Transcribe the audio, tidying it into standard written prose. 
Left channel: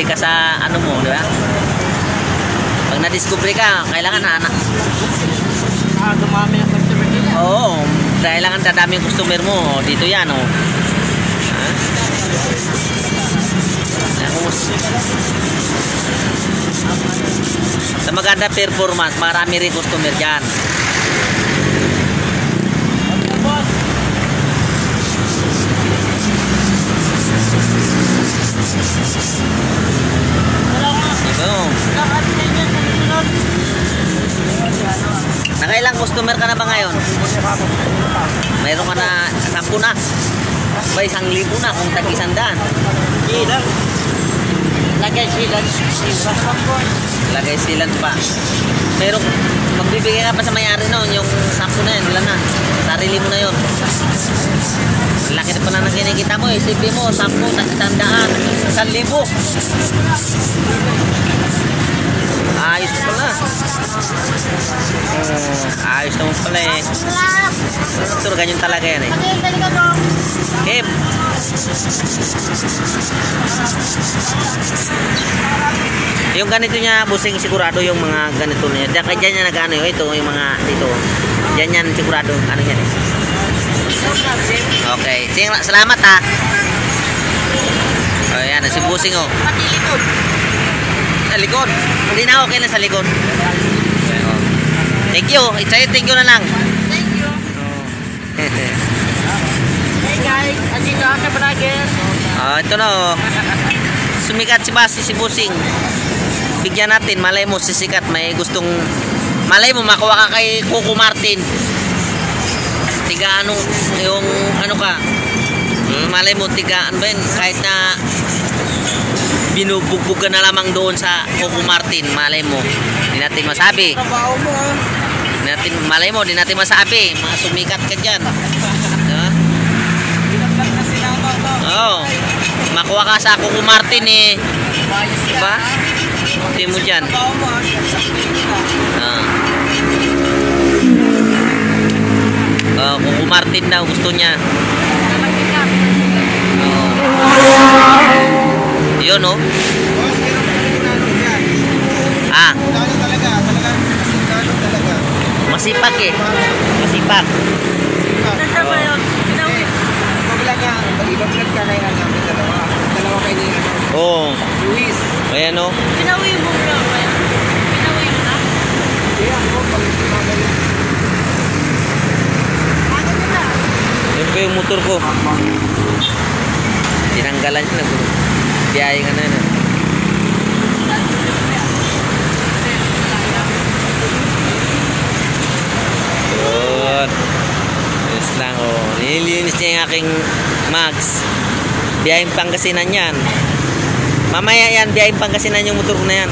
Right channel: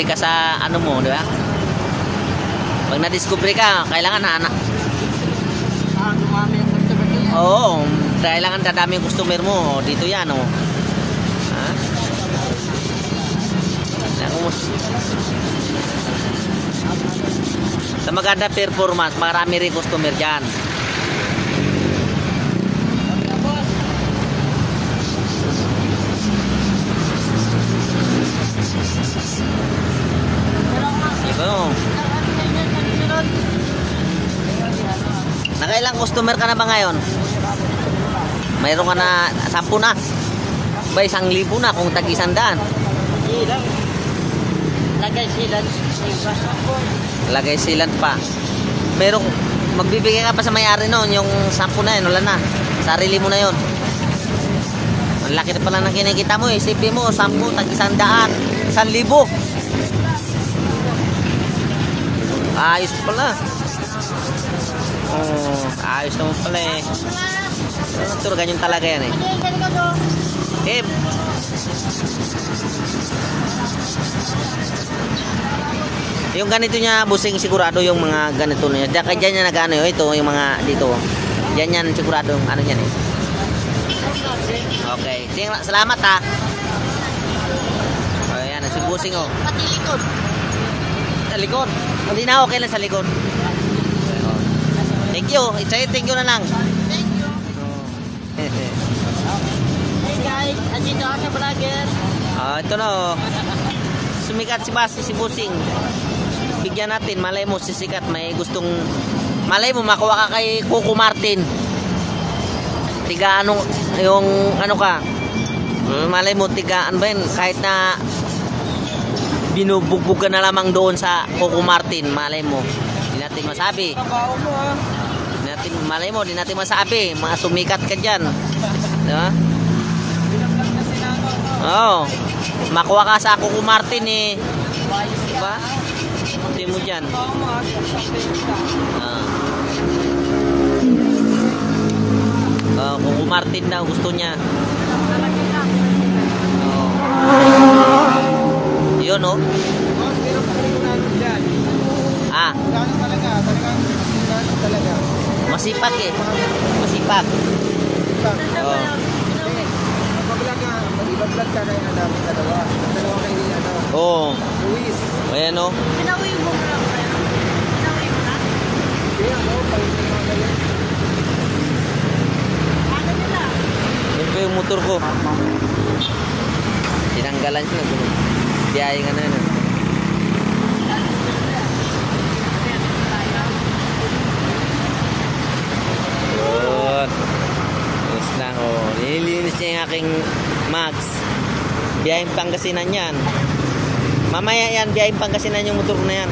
na-discovery ka sa ano mo, di ba? Pag na-discovery ka, kailangan na anak. Dumami yung customer nila. Oo, kailangan dadami yung customer mo. Dito yan, oh. Sa maganda performance, marami rin customer dyan. Nakailang customer ka na ba ngayon? Mayroon ka na 10 na. Ba 1,000 na kung tag-100. Lagay silan. Lagay silan pa. Mayroon, magbibigay ka pa sa mayari noon. Yung 10 na yun, wala na. Sarili mo na yun. Ang laki na pala ng kinikita mo eh. Sipi mo, 10, tag-100, 1,000. Ayos na pala. Ayos naman pala eh. Sure, ganyan talaga yan eh. Okay. Yung ganito niya, busing sigurado yung mga ganito na yan. Kaya dyan niya nag-ano yun. Ito, yung mga dito. Yan sigurado. Ano yan? Okay. Sige, salamat ha. O yan, si busing oh. Pati likod. Sa likod. Hindi na okay lang sa likod. Thank you. Thank you na lang. Thank you. Hey guys, andito ako sa vlogger. Ito na oh. Sumikat si Basi, si Busing. Bigyan natin, malay mo sisikat, may gustong, malay mo makuha ka kay Coco Martin. Tiga ano, yung ano ka, malay mo tiga, ano ba yun, kahit na binubugbog ka na lamang doon sa Coco Martin, malay mo, di natin masabi. Malay mo, di natin masabi, mga sumikat ka dyan. Diba? Oo, makuha ka sa Coco Martin eh. Diba? Kunti mo dyan. Coco Martin daw gusto niya. Yun oh. Masipag eh. Masipag. Iba-vlog ka kaya namin dalawa kayo ni Luis. Ayan o. Pinawi mo bro. Pinawi mo na? Ayan o. Yun ko yung motor ko. Tinanggalan siya. Biyahe nga na yun. Ayos lang o. Nililinis niya yung aking mags. Biyaheng Pangasinan yan. Mamaya yan, biyaheng Pangasinan yung motor ko na yan.